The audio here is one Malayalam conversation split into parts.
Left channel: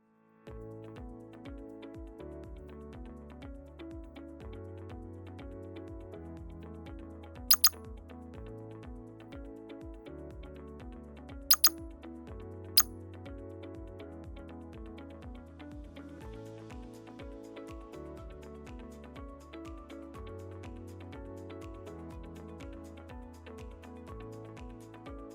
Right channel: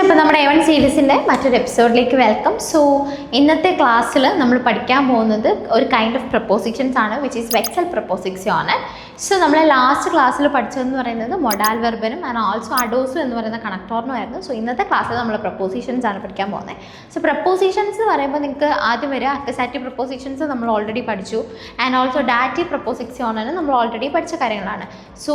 അപ്പോൾ നമ്മുടെ A1 സീരീസിൻ്റെ മറ്റൊരു എപ്പിസോഡിലേക്ക് വെൽക്കം. സോ ഇന്നത്തെ ക്ലാസ്സിൽ നമ്മൾ പഠിക്കാൻ പോകുന്നത് ഒരു കൈൻഡ് ഓഫ് പ്രപ്പോസിഷൻസ് ആണ്, വിച്ച് ഈസ് വെക്സൽ പ്രപ്പോസിക്ഷൻ. സോ നമ്മൾ ലാസ്റ്റ് ക്ലാസ്സിൽ പഠിച്ചതെന്ന് പറയുന്നത് മൊഡാൽ വെർബനും ആൻഡ് ഓൾസോ അഡോസും എന്ന് പറയുന്ന കണക്ടോറിനുമായിരുന്നു. സോ ഇന്നത്തെ ക്ലാസ്സിൽ നമ്മൾ പ്രപ്പോസിഷൻസ് ആണ് പഠിക്കാൻ പോകുന്നത്. സോ പ്രപ്പോസിഷൻസ് എന്ന് പറയുമ്പോൾ നിങ്ങൾക്ക് ആദ്യം വരിക അക്വസാറ്റീവ് പ്രപ്പോസിഷൻസ് നമ്മൾ ഓൾറെഡി പഠിച്ചു, ആൻഡ് ഓൾസോ ഡാറ്റീവ് പ്രപ്പോസിക്ഷനാണ് നമ്മൾ ഓൾറെഡി പഠിച്ച കാര്യങ്ങളാണ്. സോ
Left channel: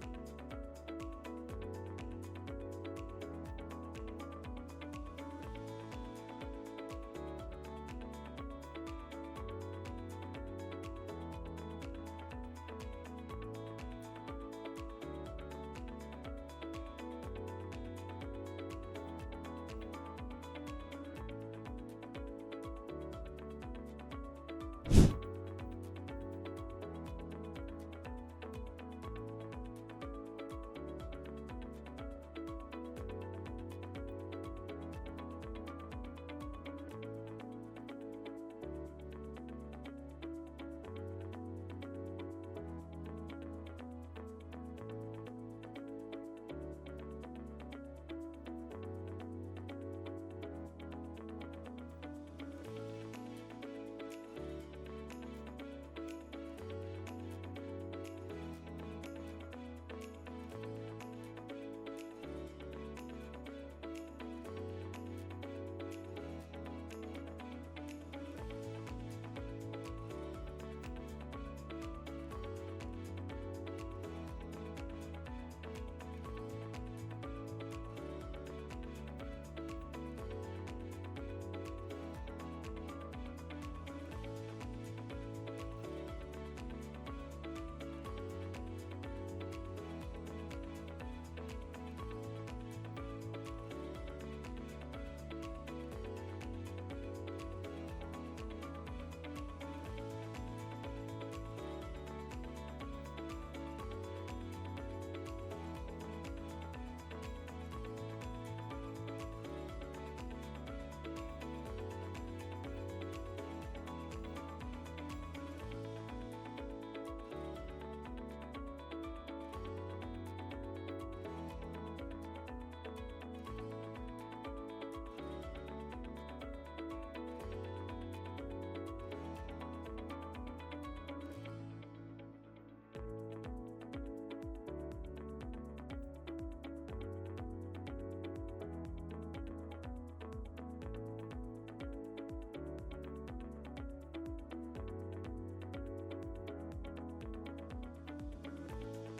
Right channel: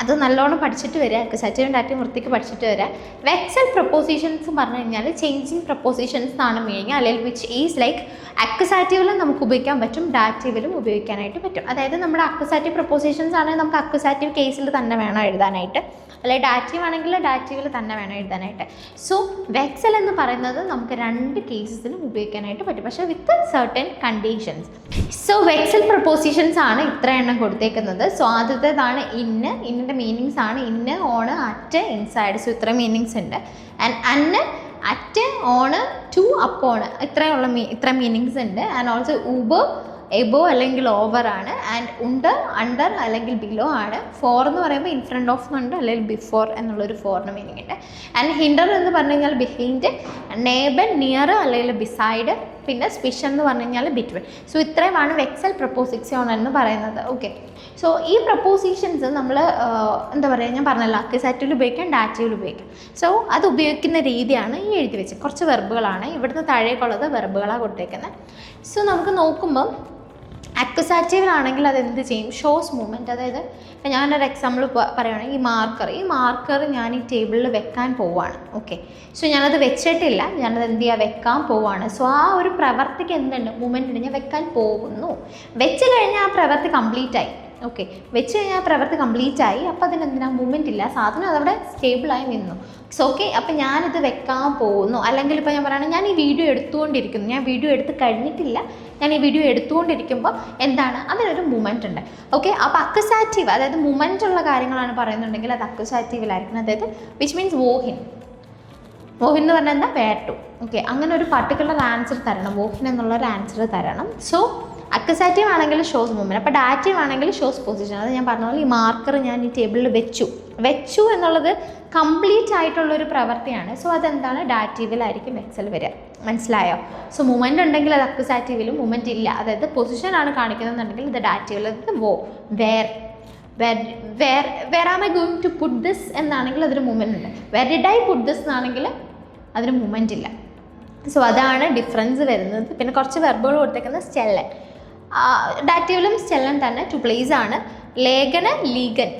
അത് നല്ലോണം പഠിച്ചിട്ട് വരിക, അക്വസാറ്റീവും ഡാറ്റീവും വൃത്തിക്ക് പഠിച്ചിട്ട് വരിക. വെക്സൽ പ്രപ്പോസിഷൻസ് പറഞ്ഞു കഴിഞ്ഞാൽ ചേഞ്ചിങ് പ്രപ്പോസിഷൻസ് എന്നാണ് മീനിങ്, അല്ലെങ്കിൽ വിച്ച് ഈസ് ലൈക്ക് അക്വസാറ്റീവിലും നമുക്ക് ഉപയോഗിക്കാൻ പറ്റും, ഡാറ്റീവിലും ഉപയോഗിക്കാനായിട്ട് പറ്റും. അതായത് നമ്മുടെ അക്വസാറ്റീവ് പ്രപ്പോസിഷൻസ് ആണെങ്കിൽ നമുക്ക് അക്വസാറ്റീവ് കേസിൽ തന്നെ വേണം എഴുതാനായിട്ട്, അല്ലെങ്കിൽ ഡാറ്റീവ് ആണെങ്കിൽ ഡാറ്റീവിൽ തന്നെ വേണം എഴുതാനായിട്ട്. സോ വെക്സൽ എന്ന് പറയുന്നത് നമുക്ക് രണ്ട് കേസസിലും ഉപയോഗിക്കാനായിട്ട് പറ്റും, പക്ഷേ വിത്ത് സർട്ടൻ കണ്ടീഷൻസ്. സോ വെക്സൽ പ്രപ്പോസിഷൻസ് ആണ് ഇത്ര എണ്ണം കൊടുത്തേക്കുന്നത്. സോ ആദ്യത്തേതാണ് ഇന്നിൻ്റെ മീനിങ്സ് ആണ് ഇന്ന്, ഓണ്, അറ്റ്, ഇൻസൈഡ്. സോ ഇത്ര മീനിങ്സ് ഉണ്ട്. ആൻഡ് അന്ന്, അറ്റ്, ഓണ്, ടു, അപ്പോണ്, ഇത്ര മീനിങ്സ് ഉണ്ട്. ആൻഡ് ഓൾസോ ഊബർ, എബോ അല്ലെങ്കിൽ ഓവർ ആണ്. ആൻഡ് ഉണ്ട്, അണ്ടർ അല്ലെങ്കിൽ ബിലോ ആണ്. ഫോർ എന്ന് പറയുമ്പോൾ ഇൻ ഫ്രണ്ട് ഓഫ് എന്നുണ്ട്, അല്ലെങ്കിൽ ബിഫോർ എന്നുള്ളൊരു ഫോറിന് മീനിങ് ഉണ്ട്. ആൻഡ് ഹിൻഡർ എന്ന് പറഞ്ഞു കഴിഞ്ഞാൽ ബിഹൈൻഡ്, നേബർ, നിയർ അല്ലെങ്കിൽ ബിസൈഡ്, പിന്നെ സ്പിഷൻ എന്ന് പറഞ്ഞു കഴിഞ്ഞാൽ ബിറ്റ്വീൻ. സോ ഇത്രയുമാണ് വെക്സൽ പ്രപ്പോസിക്ഷൻ എന്ന് പറയുന്നത്. ഓക്കെ, സോ ഈ പ്രപ്പോസിഷൻസ് നമ്മൾ എന്താ പറയുക, ഞാൻ പറഞ്ഞല്ലോ അക്വസാറ്റീവിൽ ഉപയോഗിക്കാം, ഡാറ്റീവിൽ ഉപയോഗിക്കാം. സോ അത് ഉപയോഗിക്കുന്ന രീതിയാണ് ഈ എഴുതി വെച്ചത്. കുറച്ച് വെർബുകളാണ് ഇവിടുന്ന് താഴേക്കുള്ളത്, വെർബുകളാണ് കൊടുത്തേക്കുന്നത്. സോ നമുക്ക് നോക്കുമ്പം അക്വസാറ്റീവിലാണെങ്കിൽ അത് എന്ത് ചെയ്യും, ഷോസ് മൂവ്മെൻറ്റ്. അതായത് ഇപ്പം ഞാനൊരു എക്സാമ്പിൾ പറയുകയാണെങ്കിൽ ഈ മാർക്കർ ഞാൻ ഈ ടേബിളിൽ വെക്കാൻ പോവുകയാണ്. ഓക്കെ, സോ ഞാനത് വെച്ചിട്ടില്ല, ഞാനത് എന്ത് ചെയ്യുക, വെക്കാൻ പോവുകയാണ്. സോ ആ ഒരു പ്രവർത്തിക്ക് എന്തുണ്ട്, മൂവ്മെൻറ്റ് ഉണ്ട്, ഞാൻ വെക്കാൻ പോകുന്നു. വെച്ച് കഴിഞ്ഞാൽ ആ പ്രവൃത്തി കംപ്ലീറ്റ് ആയി. ഓക്കെ, വെച്ച് കഴിഞ്ഞാൽ ആ പ്രവൃത്തി കംപ്ലീറ്റ് ആയി. അപ്പോൾ അതിനെന്തിനാ മൂവ്മെൻറ്റ് ഇല്ല, സാധനം അതവിടെ സ്റ്റേബിളായി നിന്നു. സോ ഓക്കെ, അപ്പോൾ ഞാനിത് വെക്കാൻ പോകുന്നു. അല്ലെങ്കിൽ ഇപ്പോൾ ഞാൻ പറയുകയാണെങ്കിൽ ഞാൻ ഈ വീഡിയോ എടുത്തുകൊണ്ടിരിക്കുന്നു, ഞാൻ വീഡിയോ എടുത്ത് കഴിഞ്ഞിട്ടില്ല, ഞാൻ ഈ വീഡിയോ എടുത്തുകൊണ്ടിരിക്കുമ്പോൾ എന്താണ്, അതിനൊരു മൂവ്മെൻറ്റ് ഉണ്ട്. ഓക്കെ, അപ്പോൾ അക്വസാറ്റീവ്, അതായത് മൂവ്മെൻറ്റ് ഉള്ള കാര്യങ്ങളാണ് പറയുന്നുണ്ടെങ്കിൽ അത് അക്വസാറ്റീവിലായിരിക്കണം. അതായത് വിച്ച് മീൻസ് വോഹിൻ എന്ന് പറഞ്ഞാൽ എന്താ, വേർ ടു. ഓക്കെ, അങ്ങനെ ഒരു പർട്ടിക്കുലർ ആൻസർ തരണം, വോഹിൻ എന്നുള്ളൊരു ആൻസർ തരണം. സോ അക്വസാറ്റീവ് ആണെങ്കിൽ ഷോസ് മൂവ്മെൻറ്റ്, അപ്പോൾ ഡാറ്റീവ് ആണെങ്കിൽ ഷോസ് പൊസിഷൻ. അത് ഞാൻ പറഞ്ഞ പോലെ ഈ മാർക്കർ ഞാൻ ഈ ടേബിളിൽ വെച്ചു എന്നുള്ളത് കംപ്ലീറ്റ് ആയിട്ടുള്ളൊരു പ്രവൃത്തിയാണ്. സോ അതെന്താണ്, ഡാറ്റീവിലായിരിക്കും വെക്സൽ വരിക. മനസ്സിലായോ? സോ മൂവ്മെൻറ്റ് ഉണ്ടെങ്കിൽ അത് അക്വസാറ്റീവിലും, മൂവ്മെൻറ്റ് ഇല്ല, അതായത് പൊസിഷനാണ് കാണിക്കുന്നതെന്നുണ്ടെങ്കിൽ ഇത് ഡാറ്റീവിൽ. Where am I going to put this എന്നാണെങ്കിൽ അതിന് മൂവ്മെൻറ്റ് ഉണ്ട്. Where did I put this എന്നാണെങ്കിൽ അതിന് മൂവ്മെൻറ്റ് ഇല്ല. സോ അതാണ് ഡിഫറൻസ് വരുന്നത്. പിന്നെ കുറച്ച് വെർബുകൾ കൊടുത്തേക്കുന്നത് സ്റ്റെല്ലൻ, ഡാറ്റീവിലും സ്റ്റെല്ലൻ തന്നെ, ടു പ്ലേസ് ആണ്. ലേഖന, ലീഗൻ.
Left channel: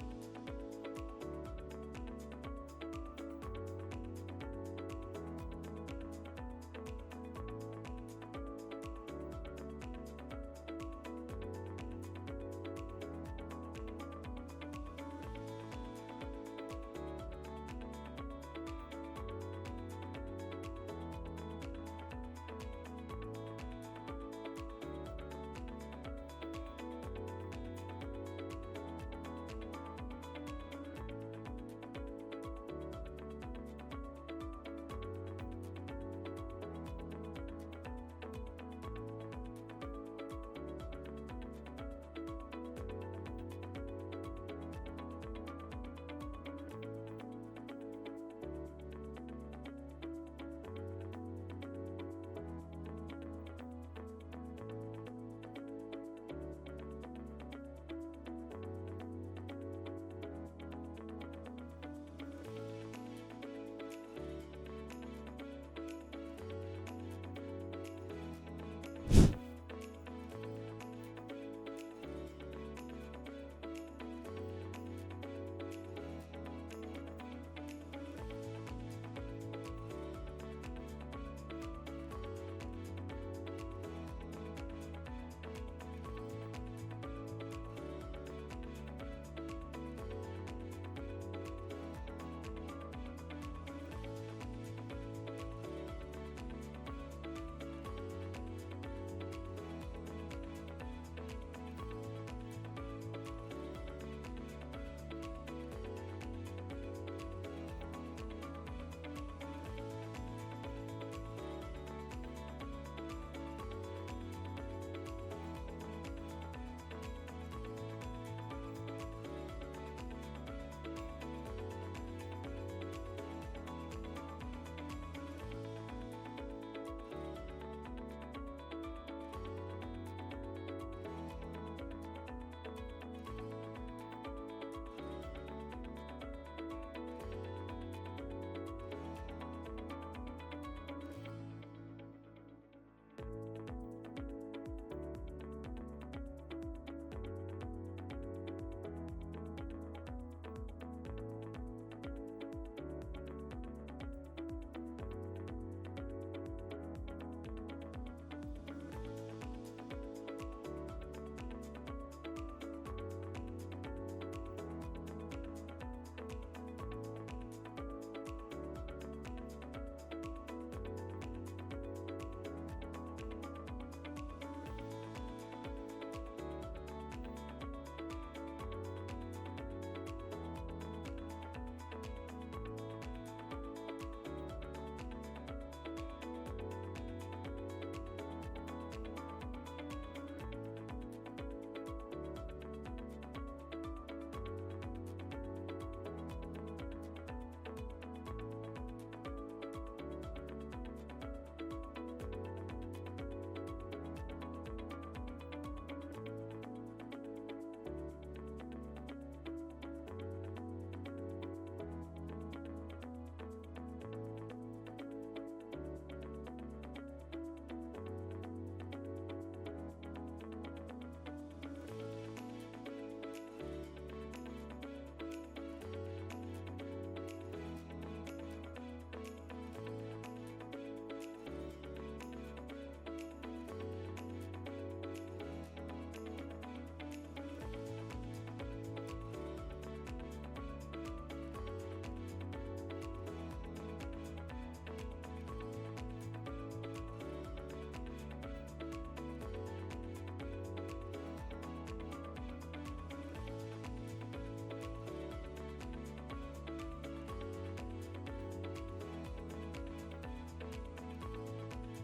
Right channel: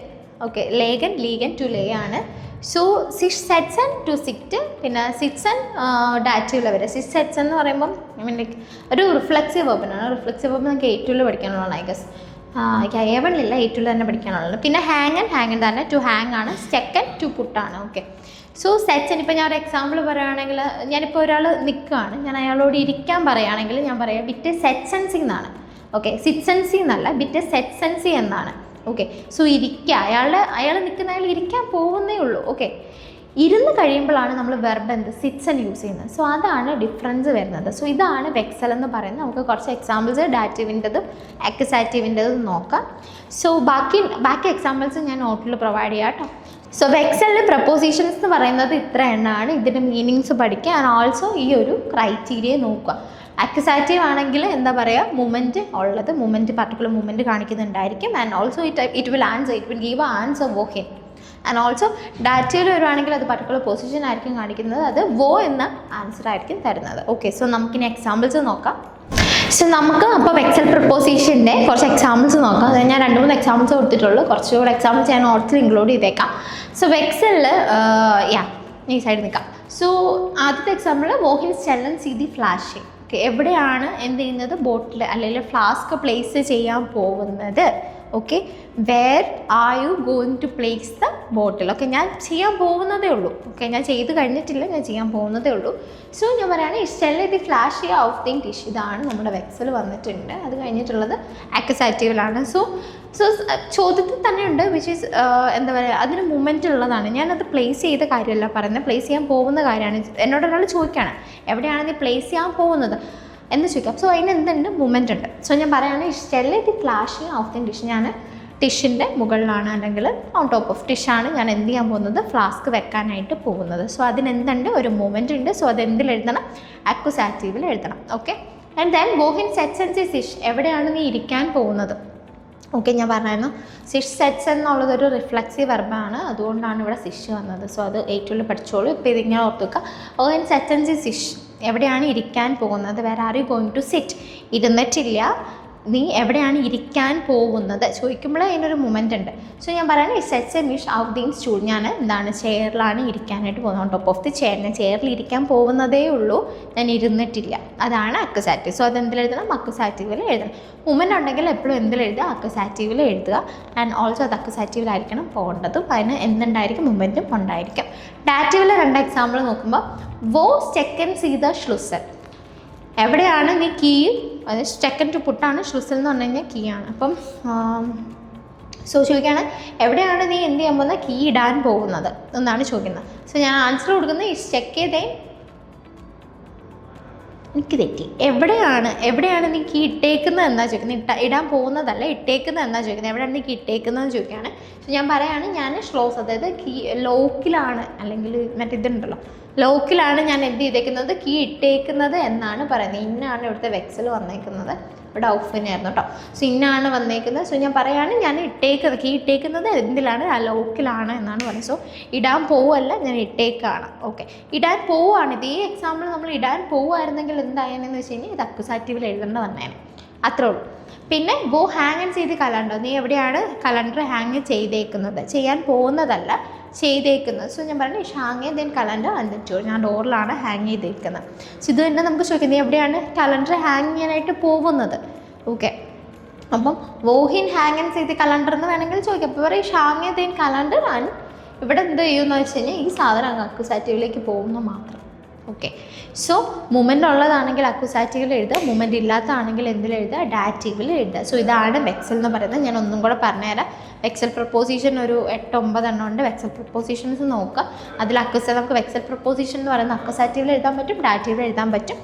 ഓക്കെ, ലേഖൻ, ലീഗൻ, ടു ലേ ആണ്. സോ സെറ്റ്സൺ, ടു സിറ്റ്. പിന്നെ സിറ്റ്സൺ ഡാറ്റീവിൽ വരെ. സെറ്റ്സൺ എന്ന് പറയുമ്പം ഐ മീൻ ലൈക്ക് ഒരു റിഫ്ലെക്സീവ് വെർബിനാണ്. റിഫ്ലെക്സീവ് വെർബ് നമുക്ക് A2 പഠിക്കാനുള്ളതാണ്, I guess. A1 A2 തന്നെ പഠിക്കാനുള്ളത്. പിന്നെ ഹാങ്ങൻ തന്നെ, ടു ഹാങ് ആണ്. സ്റ്റെക്കൻ, ടു പുട്ടാണ്. ഓക്കെ, സോ സെറ്റ്സൺ, ഇപ്പോൾ ഞാൻ ഒരു എക്സാമ്പിൾ പറയുകയാണെങ്കിൽ, ഞാനിപ്പോൾ ഒരാൾ നിൽക്കുകയാണ്, ഞാൻ അയാളോട് ഇരിക്കാൻ പറയുകയാണെങ്കിൽ ഞാൻ പറയാം ബിറ്റ് സെറ്റ്സൻസി എന്നാണ്. ഓക്കെ, സിറ്റ്സൻസി എന്നല്ല, ബിറ്റ് സെറ്റ്സൻസി എന്നാണ്. ഓക്കെ, സോ ഇരിക്കുക, അയാൾ നിൽക്കുന്ന, അയാൾ ഇരിക്കാൻ പോകുന്നേ ഉള്ളൂ. ഓക്കെ, ഇരുന്ന് കഴിയുമ്പോഴാണ് നമ്മൾ വെർബ് എന്ത്, സിറ്റ്സൺ യൂസ് ചെയ്യുന്നത്. സോ അതാണ് ഡിഫറൻസ് വരുന്നത്. സോ ഇതാണ് വെക്സൽ എന്ന് പറയുന്നത്. നമുക്ക് കുറച്ച് എക്സാമ്പിൾസ് ഡാറ്റീവിൻ്റെതും അക്വസാറ്റീവിൻ്റെതും നോക്കാം. സോ ബാക്കി എക്സാമ്പിൾസ് ഞാൻ നോട്ടിൽ പ്രൊവൈഡ് ചെയ്യാം കേട്ടോ. സോ വെക്സലിൽ പ്രപ്പോസിഷൻസ് എന്ന് പറയുന്നത് ഇത്ര എണ്ണമാണ്. ഇതിൻ്റെ മീനിങ്സ് പഠിക്കുക, ആൻഡ് ഓൾസോ ഈ ഒരു ക്രൈറ്റീരിയ നോക്കുക. അക്വസാറ്റീവ് ആണെങ്കിൽ എന്താ പറയുക, മൂവ്മെൻറ്റ് ഉള്ളത്, പർട്ടിക്കുലർ മൂവ്മെൻറ്റ് കാണിക്കുന്നുണ്ടായിരിക്കും. And also it will give answer വോഹിൻ. ആൻഡ് ഓൾസോ ഡാറ്റയിൽ വരുവാണെങ്കിൽ അത് പർട്ടിക്കുലർ പൊസിഷൻ ആയിരിക്കും കാണിക്കുന്നത്, അത് വോ എന്ന ആൻസർ ആയിരിക്കും തരുന്നത്. ഓക്കെ, സോ നമുക്കിനി എക്സാമ്പിൾസ് നോക്കാം. സോ നമുക്ക് അപ്പോൾ വെക്സൽ പ്രപ്പോസിഷൻ്റെ കുറച്ച് എക്സാമ്പിൾസ് നോക്കാം. അതായത് ഞാൻ 2-3 എക്സാമ്പിൾസ് കൊടുത്തിട്ടുള്ളൂ, കുറച്ചുകൂടെ എക്സാമ്പിൾസ് ഞാൻ നോട്ട്സിൽ ഇൻക്ലൂഡ് ചെയ്തേക്കാം. സോ വെക്സലിൽ ഈ സൈഡ് നിൽക്കാം. സോ ആദ്യത്തെ എക്സാമ്പിൾ, വോഹിൻ സ്റ്റെല്ലൻ സീ ദി ഫ്ലാഷിംഗ്. ഓക്കെ, എവിടെയാണ് എന്ത് ചെയ്യുന്നത്, ബോട്ടിൽ അല്ലെങ്കിൽ ഫ്ലാസ്ക് പ്ലേസ് ചെയ്യാൻ പോകുന്നത്. Okay, where are you going to place the bottle. Okay, ഞാൻ ചെയ്യാൻ പോകുന്നതേ ഉള്ളൂ. ഓക്കെ, ഞാൻ ചെയ്ത് കഴിഞ്ഞിട്ടില്ല, ഞാൻ ചെയ്യാൻ പോകുന്നതേ ഉള്ളൂ. സോ ഞാൻ പറയുകയാണ് Stella the flash out the dish. ഇതാണ് നമ്മുടെ വെക്സൽ വന്നിട്ടുണ്ട്. അത് കഴിഞ്ഞിട്ടുള്ളത് അക്വസാറ്റീവിലാണ്. സോ ചോദ്യത്തിൽ തന്നെ ഉണ്ട്, വിച്ച് ഈസ് എന്താ പറയുക, അതിന് മൂവ്മെൻറ്റ് ഉള്ളതാണ്. ഞാനത് പ്ലേസ് ചെയ്ത കാര്യമല്ല പറയുന്നത്, പ്ലേസ് ചെയ്യാൻ പോകുന്ന കാര്യമാണ്. എന്നോട് ഒരാൾ ചോദിക്കുകയാണ് എവിടെയാണ് നീ പ്ലേസ് ചെയ്യാൻ പോകുന്നത് എന്ന് ചോദിക്കാം. സോ അതിന് എന്തുണ്ട്, മൂവ്മെൻറ്റ് ഉണ്ട്. സോ ഞാൻ പറയുകയാണ് Stella the flashing of the dish. ഞാൻ ടിഷിൻ്റെ മുകളിലാണ് അല്ലെങ്കിൽ ഓൺ ടോപ്പ് ഓഫ് ടിഷാണ് ഞാൻ എന്ത് ചെയ്യാൻ പോകുന്നത്, ഫ്ലാസ്ക് വെക്കാനായിട്ട് പോകുന്നത്. സോ അതിനെന്തുണ്ട്, ഒരു മൂവ്മെൻ്റ് ഉണ്ട്. സോ അതെന്തിൽ എഴുതണം, അക്യുസാറ്റീവിൽ എഴുതണം. ഓക്കെ. ആൻഡ് ദെൻ ഗോഹിൻ സെറ്റ്സ് ആൻഡ് സി സിഷ്, എവിടെയാണ് നീ ഇരിക്കാൻ പോകുന്നത്? ഓക്കെ, ഞാൻ പറഞ്ഞായിരുന്നു സിഷ് സെറ്റ്സ് എന്നുള്ളതൊരു റിഫ്ലക്സീവ് വെർബാണ്, അതുകൊണ്ടാണ് ഇവിടെ സിഷ് വന്നത്. സോ അത് ഏറ്റവും പഠിച്ചോളൂ. ഇപ്പോൾ ഇതിങ്ങനെ ഓർത്ത് വെക്കുക. ഗോഹിൻ സെറ്റ്സ് ആൻഡ് സി സിഷ്, എവിടെയാണ് ഇരിക്കാൻ പോകുന്നത്? Where are you going to sit? ഇരുന്നിട്ടില്ല, നീ എവിടെയാണ് ഇരിക്കാൻ പോകുന്നത് ചോദിക്കുമ്പോൾ അതിനൊരു മൊമെൻ്റ് ഉണ്ട്. സോ ഞാൻ പറയുന്നത് ഇറ്റ് സെറ്റ്സ് എ മിഷ് ഔട്ട് ദീൻ സ്റ്റൂൾ, ഞാൻ എന്താണ് ചെയറിലാണ് ഇരിക്കാനായിട്ട് പോകുന്നത്. On top of the chair, ഞാൻ ചെയറിൽ ഇരിക്കാൻ പോകുന്നതേ ഉള്ളൂ, ഞാൻ ഇരുന്നിട്ടില്ല. അതാണ് അക്യുസാറ്റീവ്. സോ അതെന്തിലെഴുതണം, അക്യുസാറ്റീവിൽ എഴുതണം. മൊമെൻ്റ് ഉണ്ടെങ്കിൽ എപ്പോഴും എന്തിലെഴുതുക, അക്യുസാറ്റീവിൽ എഴുതുക. ആൻഡ് ഓൾസോ അത് അക്യുസാറ്റീവിലായിരിക്കണം പോകേണ്ടതും. അതിന് എന്തുണ്ടായിരിക്കും, മൊമെൻറ്റും ഉണ്ടായിരിക്കും. ഡാറ്റീവിൽ 2 എക്സാമ്പിൾ നോക്കുമ്പോൾ, വോ സ്റ്റെക്കൻ സീ ദ ഷ്ലുസൽ, എവിടെയാണ് നീ കീ, അത് സ്റ്റെക്കൻ ടു പുട്ടാണ്, ഷ്ലുസൽ എന്ന് പറഞ്ഞു കഴിഞ്ഞാൽ കീ ആണ്. അപ്പം സോ ചോദിക്കുകയാണ് എവിടെയാണ് നീ എന്ത് ചെയ്യാൻ പോകുന്നത്, കീ ഇടാൻ പോകുന്നത് എന്നാണ് ചോദിക്കുന്നത്. സോ ഞാൻ ആൻസർ കൊടുക്കുന്നത് ഈ സ്റ്റെക്ക് ദേ, എനിക്ക് തെറ്റി, എവിടെയാണ് നീ കീ ഇട്ടേക്കുന്നത് എന്നാ ചോദിക്കുന്നത്, ഇടാൻ പോകുന്നതല്ല, ഇട്ടേക്കുന്നത് എന്നാ ചോദിക്കുന്നത്. എവിടെയാണ് നീ കീ ഇട്ടേക്കുന്നതെന്ന് ചോദിക്കുകയാണ്. സോ ഞാൻ പറയുകയാണ് ഞാൻ ഷ്ലോസ്, അതായത് കീ ലോക്കിലാണ്, അല്ലെങ്കിൽ മറ്റിതുണ്ടല്ലോ ലോക്കിലാണ് ഞാൻ എന്ത് ചെയ്തേക്കുന്നത്, കീ ഇട്ടേക്കുന്നത് എന്നാണ് പറയുന്നത്. ഇന്നാണ് ഇവിടുത്തെ വെക്സൽ വന്നേക്കുന്നത്, ഇവിടെ ഔഫിനായിരുന്നു കേട്ടോ. സോ ഇന്നാണ് വന്നേക്കുന്നത്. സോ ഞാൻ പറയുകയാണ് ഞാൻ കീ ഇട്ടേക്കുന്നത് എന്തിലാണ്, ആ ലോക്കിലാണ് എന്നാണ് പറയുന്നത്. സോ ഇടാൻ പോവല്ല, ഞാൻ ഇട്ടേക്കാണ്. ഓക്കെ, ഇടാൻ പോവുകയാണ്. ഇതേ എക്സാമ്പിൾ നമ്മൾ ഇടാൻ പോവുമായിരുന്നെങ്കിൽ എന്തായെന്ന് വെച്ച് കഴിഞ്ഞാൽ ഇത് അക്യുസാറ്റീവിൽ എഴുതേണ്ട വന്നേനെ, അത്രേ ഉള്ളൂ. പിന്നെ ഗോ ഹാങ് ആൻഡ് ചെയ്ത് കലണ്ടർ, നീ എവിടെയാണ് കലണ്ടർ ഹാങ് ചെയ്തേക്കുന്നത്, ചെയ്യാൻ പോകുന്നതല്ല, ചെയ്തേക്കുന്നത്. സോ ഞാൻ പറഞ്ഞു hang then calendar and tour, ഞാൻ ഡോറിലാണ് ഹാങ് ചെയ്തേക്കുന്നത്. സോ ഇത് തന്നെ നമുക്ക് ചോദിക്കാം, നീ എവിടെയാണ് കലണ്ടർ ഹാങ് ചെയ്യാനായിട്ട് പോകുന്നത്. ഓക്കെ, അപ്പം വോഹിൻ ഹാങ് ആൻഡ് ചെയ്ത് കലണ്ടർ എന്ന് വേണമെങ്കിൽ ചോദിക്കാം. അപ്പോൾ പറയും ഹാങ് ദെൻ കലണ്ടർ ആൻഡ്, ഇവിടെ എന്ത് ചെയ്യുമെന്ന് വെച്ച് കഴിഞ്ഞാൽ ഈ സാധനം അക്യുസാറ്റീവിലേക്ക് പോകുന്നു മാത്രം. ഓക്കെ, സോ മൊമെൻ്റ് ഉള്ളതാണെങ്കിൽ അക്യുസാറ്റീവിൽ എഴുതുക, മൊമെൻ്റ് ഇല്ലാത്തതാണെങ്കിൽ എന്തിലെഴുതുക, ഡാറ്റീവിൽ എഴുതുക. സോ ഇതാണ് വെക്സൽ എന്ന് പറയുന്നത്. ഞാൻ ഒന്നും കൂടെ പറഞ്ഞുതരാം. വെക്സൽ പ്രപ്പോസിഷൻ ഒരു 8-9 എണ്ണം ഉണ്ട്. വെക്സൽ പ്രപ്പോസിഷൻസ് നോക്കുക. അതിൽ നമുക്ക് വെക്സൽ പ്രപ്പോസിഷൻ എന്ന് പറയുന്നത് അക്യുസാറ്റീവിൽ എഴുതാൻ പറ്റും, ഡാറ്റീവിൽ എഴുതാൻ പറ്റും.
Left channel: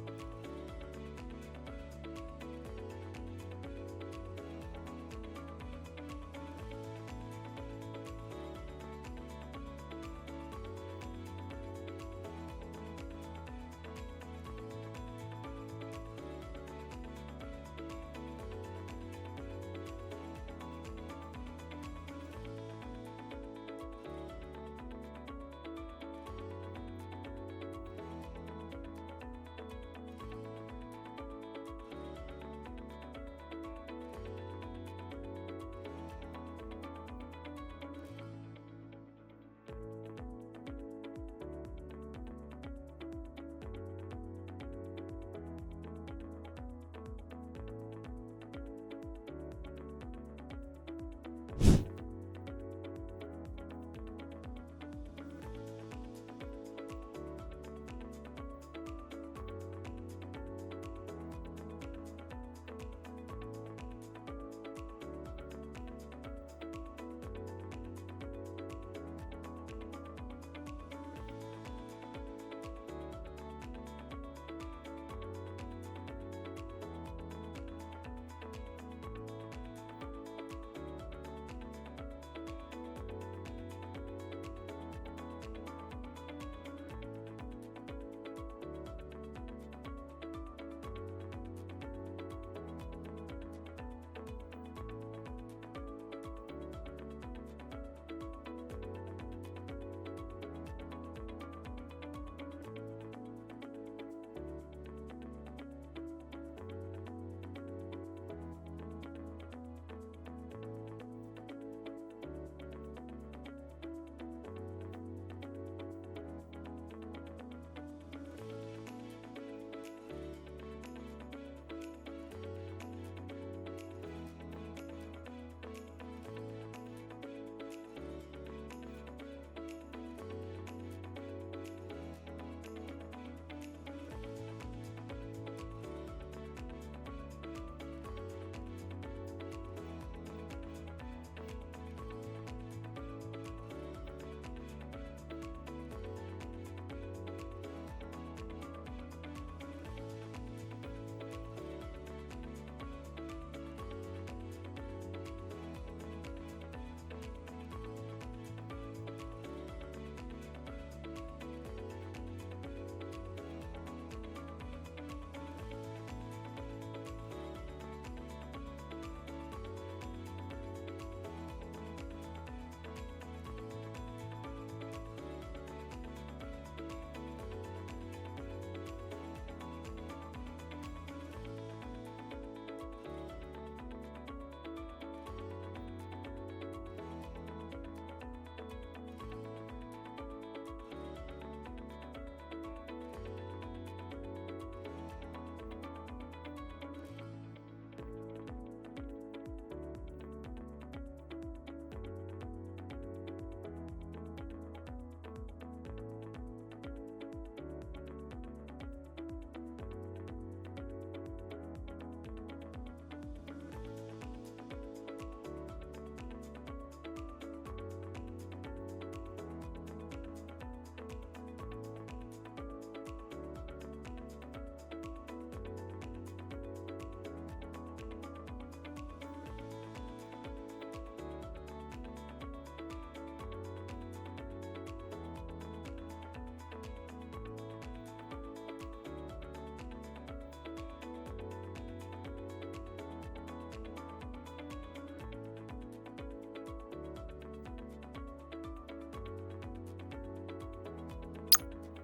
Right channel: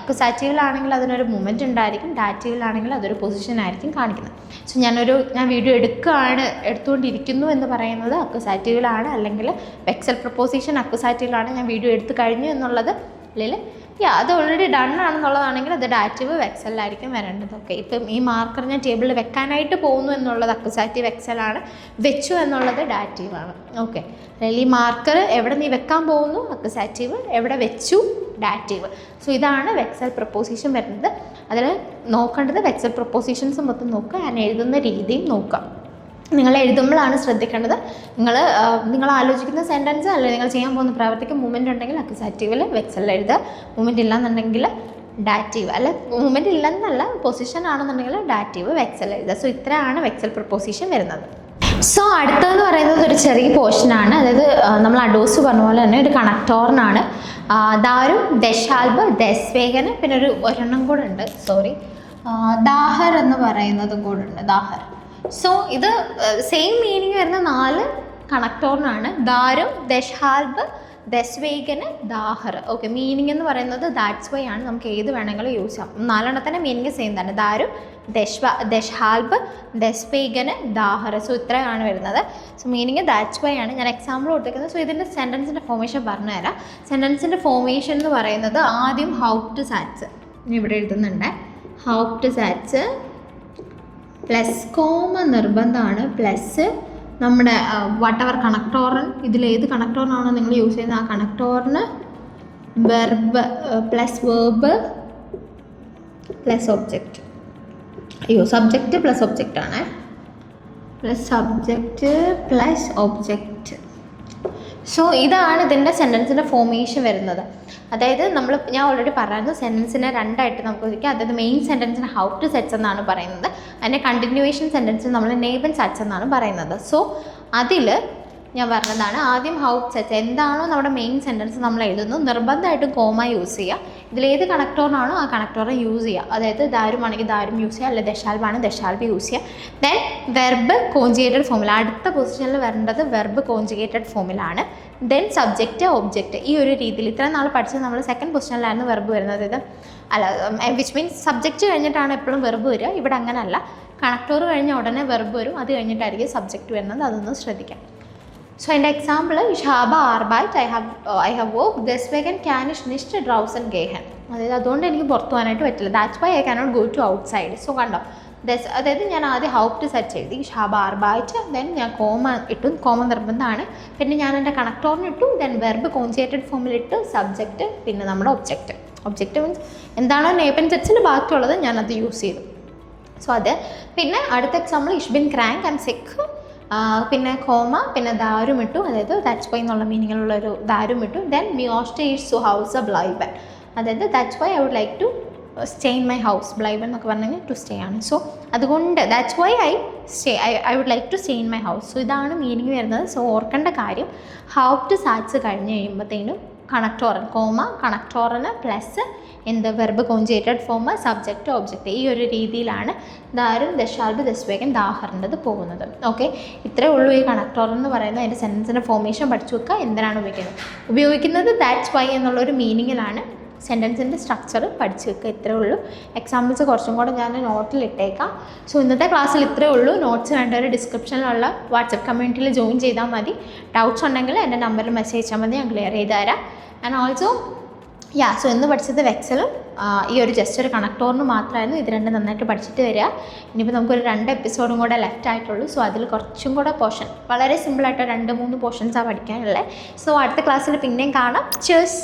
അക്യുസാറ്റീവിലാണെങ്കിൽ അതിനൊരു മൊമെൻ്റ് ഉണ്ടായിരിക്കും, ഡാറ്റീവിലാണെങ്കിൽ അതൊരു പൊസിഷൻ ആയിരിക്കും കാണിക്കുന്നത്. സോ ഞാൻ വീഡിയോ എടുത്തുകൊണ്ടിരിക്കുന്നു എന്ന് പറയുന്നത് അക്യുസാറ്റീവിലാണ്, അല്ലെങ്കിൽ വെക്സൽ പ്രപ്പോസിഷൻ അക്യുസാറ്റീവിലാണ്, ഞാൻ വീഡിയോ എടുത്തു കഴിഞ്ഞു എന്നുള്ളത് അല്ലെങ്കിൽ അത് ഓൾറെഡി ഡൺ ആണെന്നുള്ളതാണെങ്കിൽ അത് ഡാറ്റീവ് വെക്സലിലായിരിക്കും വരേണ്ടത്. ഓക്കെ, ഇപ്പം ഈ മാർക്കർ ഞാൻ ടേബിളിൽ വെക്കാനായിട്ട് പോകുന്നു എന്നുള്ളത് അക്യുസാറ്റീവ് വെക്സലാണ്, വെച്ചു എന്നുള്ളത് ഡാറ്റീവാണ്. ഓക്കെ, അല്ലെങ്കിൽ ഈ മാർക്കർ എവിടെ നീ വെക്കാൻ പോകുന്നു അക്യുസാറ്റീവ്, എവിടെ വെച്ചു ഡാറ്റീവ്. സോ ഇതാണ് വെക്സൽ പ്രപ്പോസിഷൻ വരുന്നത്. അതിൽ നോക്കേണ്ടത് വെക്സൽ പ്രപ്പോസിഷൻസ് മൊത്തം നോക്കുക, ഞാൻ എഴുതുന്ന രീതിയും നോക്കുക. നിങ്ങൾ എഴുതുമ്പോഴാണ് ശ്രദ്ധിക്കേണ്ടത്. നിങ്ങൾ ആലോചിക്കുന്ന സെൻറ്റൻസ് അല്ലെങ്കിൽ നിങ്ങൾ ചെയ്യാൻ പോകുന്ന പ്രവർത്തിക്ക് മൂവ്മെൻറ്റ് ഉണ്ടെങ്കിൽ അക്യുസാറ്റീവിൽ വെക്സലിൽ എഴുതുക, മൂവ്മെൻറ്റ് ഇല്ലാന്നുണ്ടെങ്കിൽ ഡാറ്റീവ്, അല്ല മൂവ്മെൻറ്റ് ഇല്ലെന്നല്ല പൊസിഷൻ ആണെന്നുണ്ടെങ്കിൽ ഡാറ്റീവ് വെക്സൽ എഴുതുക. സോ ഇത്രയാണ് വെക്സൽ പ്രപ്പോസിഷൻ വരുന്നത്. സോ അടുത്തതെന്ന് പറയുന്നത് ഒരു ചെറിയ പോർഷനാണ്, അതായത് നമ്മൾ അഡോസ് പറഞ്ഞ പോലെ തന്നെ ഒരു കണക്ടോറിനാണ്. ദാരു, ദശാൽബ്, ദസ്വേഗന്, പിന്നെ ഒരെണ്ണം കൂടെ ഉണ്ട്, ദാഹർ എന്ന് പറയുന്നതും കൂടെ ഉണ്ട്, ദാഹർ. സോ ഇത് സെയിം മീനിങ് വരുന്ന 4 കണക്ടോറിനാണ്. ദാരു, ദശാൽബ്, ദസ്വേഗന്, ദാഹർ. ഓക്കെ, മീനിങ് എന്ന് പറയുന്നത് ദാറ്റ്സ് വൈ ആണ്, നമുക്ക് ഏത് വേണമെങ്കിലും യൂസ് ചെയ്യാം. 4 മീനിങ് സെയിം തന്നെ, ദാരു, ദശാൽബ്, ദസ്വേഗന്, ദാഹർ. സോ ഇത്രയാണ് വരുന്നത്. സോ മീനിങ് ദാറ്റ്സ് വൈ ആണ്. ഞാൻ എക്സാമ്പിൾ കൊടുക്കുന്നത്. സോ ഇതിൻ്റെ സെൻറ്റൻസിൻ്റെ ഫോർമേഷൻ പറഞ്ഞുതരാം. സെൻറ്റൻസിൻ്റെ ഫോർമേഷൻ എന്ന് പറയുന്നത് ആദ്യം ഹൗപ്റ്റ് സാറ്റ്സ് ഇവിടെ എഴുതുന്നുണ്ട്. ഹൗപ്റ്റ് സാറ്റ്സ് പ്ലസ് കോമ നിർബന്ധമാണ്, പ്ലസ് നമ്മുടെ വാട്ടെവർ കണക്ടോറിൻ, ഇതിലേത് കണക്ടോറിനാണോ നിങ്ങൾ യൂസ് ചെയ്യുന്നത് ആ കണക്ടോറിന് verb plus verb plus object. Subject plus object ആണ്, plus subject plus object. So ഇതാണ് ഇതിൻ്റെ സെൻറ്റൻസിൻ്റെ ഫോർമേഷൻ വരുന്നത്. അതായത് ഞാൻ ഓൾറെഡി പറയുന്നത് സെൻറ്റൻസിനെ 2 ആയിട്ട് നമുക്ക് വിളിക്കാം. അതായത് മെയിൻ സെൻറ്റൻസിന് ഹൗ ടു സെറ്റ്സ് എന്നാണ് പറയുന്നത്, അതിൻ്റെ കണ്ടിന്യൂവേഷൻ സെൻറ്റൻസിന് നമ്മൾ നെയ്ബൻ സെറ്റ്സ് എന്നാണ് പറയുന്നത്. സോ അതിൽ ഞാൻ പറഞ്ഞതാണ് ആദ്യം ഹൗ സെറ്റ്സ് എന്താണോ നമ്മുടെ മെയിൻ സെൻറ്റൻസ് നമ്മൾ എഴുതുന്നു, നിർബന്ധമായിട്ടും കോമ യൂസ് ചെയ്യുക. ഇതിലേത് കണക്ടോറിനാണോ ആ കണക്ടോറെ യൂസ് ചെയ്യുക. അതായത് ദാരുമാണെങ്കിൽ ദാരും യൂസ് ചെയ്യുക, അല്ലെങ്കിൽ ദശാൽബാണ് ദശാൽബ് യൂസ് ചെയ്യുക. ദെൻ വെർബ് കോഞ്ചുഗേറ്റഡ് ഫോമിൽ, അടുത്ത പൊസിഷനിൽ വരേണ്ടത് വെർബ് കോഞ്ചുഗേറ്റഡ് ഫോമിലാണ്. Then subject object. ഈ ഒരു രീതിയിൽ ഇത്രയും നാൾ പഠിച്ചത് നമ്മൾ സെക്കൻഡ് പൊസിഷനിലായിരുന്നു വെർബ് വരുന്നത്. ഇത് വിച്ച് മീൻസ് സബ്ജക്റ്റ് കഴിഞ്ഞിട്ടാണ് എപ്പോഴും വെർബ് വരിക. ഇവിടെ അങ്ങനെയല്ല, കണക്ടോർ കഴിഞ്ഞ ഉടനെ വെർബ് വരും, അത് കഴിഞ്ഞിട്ടായിരിക്കും സബ്ജക്റ്റ് വരുന്നത്, അതൊന്ന് ശ്രദ്ധിക്കാം. സോ എൻ്റെ example, ich habe Arbeit, I have work, deswegen kann ich nicht draußen gehen. അതായത് അതുകൊണ്ട് എനിക്ക് പുറത്തു പോകാനായിട്ട് പറ്റില്ല. That's why I cannot go to ഔട്ട് സൈഡ്. സോ കണ്ടോ, അതായത് ഞാൻ ആദ്യം ഹൗപ്റ്റ് സെറ്റ് ചെയ്ത് ich habe Arbeit, ദെൻ ഞാൻ കോമ ഇട്ടു, കോമ നിർബന്ധമാണ്. പിന്നെ ഞാൻ എൻ്റെ കണക്ടോറിന് ഇട്ടു, ദെൻ വെർബ് കോൺജുഗേറ്റഡ് ഫോമിൽ ഇട്ടു, സബ്ജക്റ്റ്, പിന്നെ നമ്മുടെ ഒബ്ജക്റ്റ്. ഒബ്ജക്റ്റ് മീൻസ് എന്താണോ നേപ്പൻ സെറ്റ്സിൽ ബാക്കിയുള്ളത് ഞാനത് യൂസ് ചെയ്തു. സോ അത് പിന്നെ അടുത്ത example, ich bin krank, I'm sick, പിന്നെ കോമ, പിന്നെ ദാരും ഇട്ടു, അതായത് ദാറ്റ്സ് വൈ എന്നുള്ള മീനിങ്ങിലുള്ളൊരു ദാരും ഇട്ടു. ദെൻ മിയോസ്റ്റേ ഈസ് സു ഹൗസ് ബ്ലൈബൻ, അതായത് that's why I would like to stay in my house. ബ്ലൈബൻ എന്നൊക്കെ പറഞ്ഞു കഴിഞ്ഞാൽ ടു സ്റ്റേ ആണ്. സോ അതുകൊണ്ട് that's why I would like to stay in my house. So ഇതാണ് മീനിങ് വരുന്നത്. സോ ഓർക്കേണ്ട കാര്യം, ഹൗപ്റ്റ് സാറ്റ്സ് കഴിഞ്ഞ് കഴിയുമ്പോഴത്തേനും കണക്ടോറൻ, കോമ കണക്ടോറിന് പ്ലസ് എന്ത് verb conjugated form, subject, object, ഈ ഒരു രീതിയിലാണ് ദാരും ദശാൽബ് ദസ്വേഗൻ ദാഹറിൻ്റെത് പോകുന്നത്. ഓക്കെ, ഇത്രയേ ഉള്ളൂ ഈ കണക്ടോർ എന്ന് പറയുന്നത്. അതിൻ്റെ സെൻറ്റൻസിൻ്റെ ഫോർമേഷൻ പഠിച്ചു വെക്കുക. എന്തിനാണ് ഉപയോഗിക്കുന്നത് ദാറ്റ്സ് വൈ എന്നുള്ളൊരു മീനിങ്ങിലാണ്. സെൻറ്റൻസിൻ്റെ സ്ട്രക്ചർ പഠിച്ചു വെക്കുക. ഇത്രയേ ഉള്ളൂ. എക്സാമ്പിൾസ് കുറച്ചും കൂടെ ഞാൻ നോട്ടിൽ ഇട്ടേക്കാം. സോ ഇന്നത്തെ ക്ലാസ്സിൽ ഇത്രയേ ഉള്ളൂ. നോട്ട്സ് വേണ്ടവർ ഡിസ്ക്രിപ്ഷനിലുള്ള വാട്സപ്പ് കമ്മ്യൂണിറ്റിയിൽ ജോയിൻ ചെയ്താൽ മതി. ഡൗട്ട്സ് ഉണ്ടെങ്കിൽ എൻ്റെ നമ്പറിൽ മെസ്സേജ് അയച്ചാൽ മതി, ഞാൻ ക്ലിയർ ചെയ്ത് തരാം. ആൻഡ് ഓൾസോ സോ ഇന്ന് പഠിച്ചത് വെക്സലും ഈ ഒരു ജസ്റ്റ് ഒരു കണക്ടോറിന് മാത്രമായിരുന്നു. ഇത് രണ്ടും നന്നായിട്ട് പഠിച്ചിട്ട് വരിക. ഇനിയിപ്പോൾ നമുക്കൊരു 2 എപ്പിസോഡും കൂടെ ലെഫ്റ്റ് ആയിട്ടുള്ളൂ. സോ അതിൽ കുറച്ചും കൂടെ പോർഷൻ, വളരെ സിമ്പിളായിട്ട് 2-3 പോർഷൻസാണ് പഠിക്കാനുള്ളത്. സോ അടുത്ത ക്ലാസ്സിൽ പിന്നെയും കാണാം. cheers.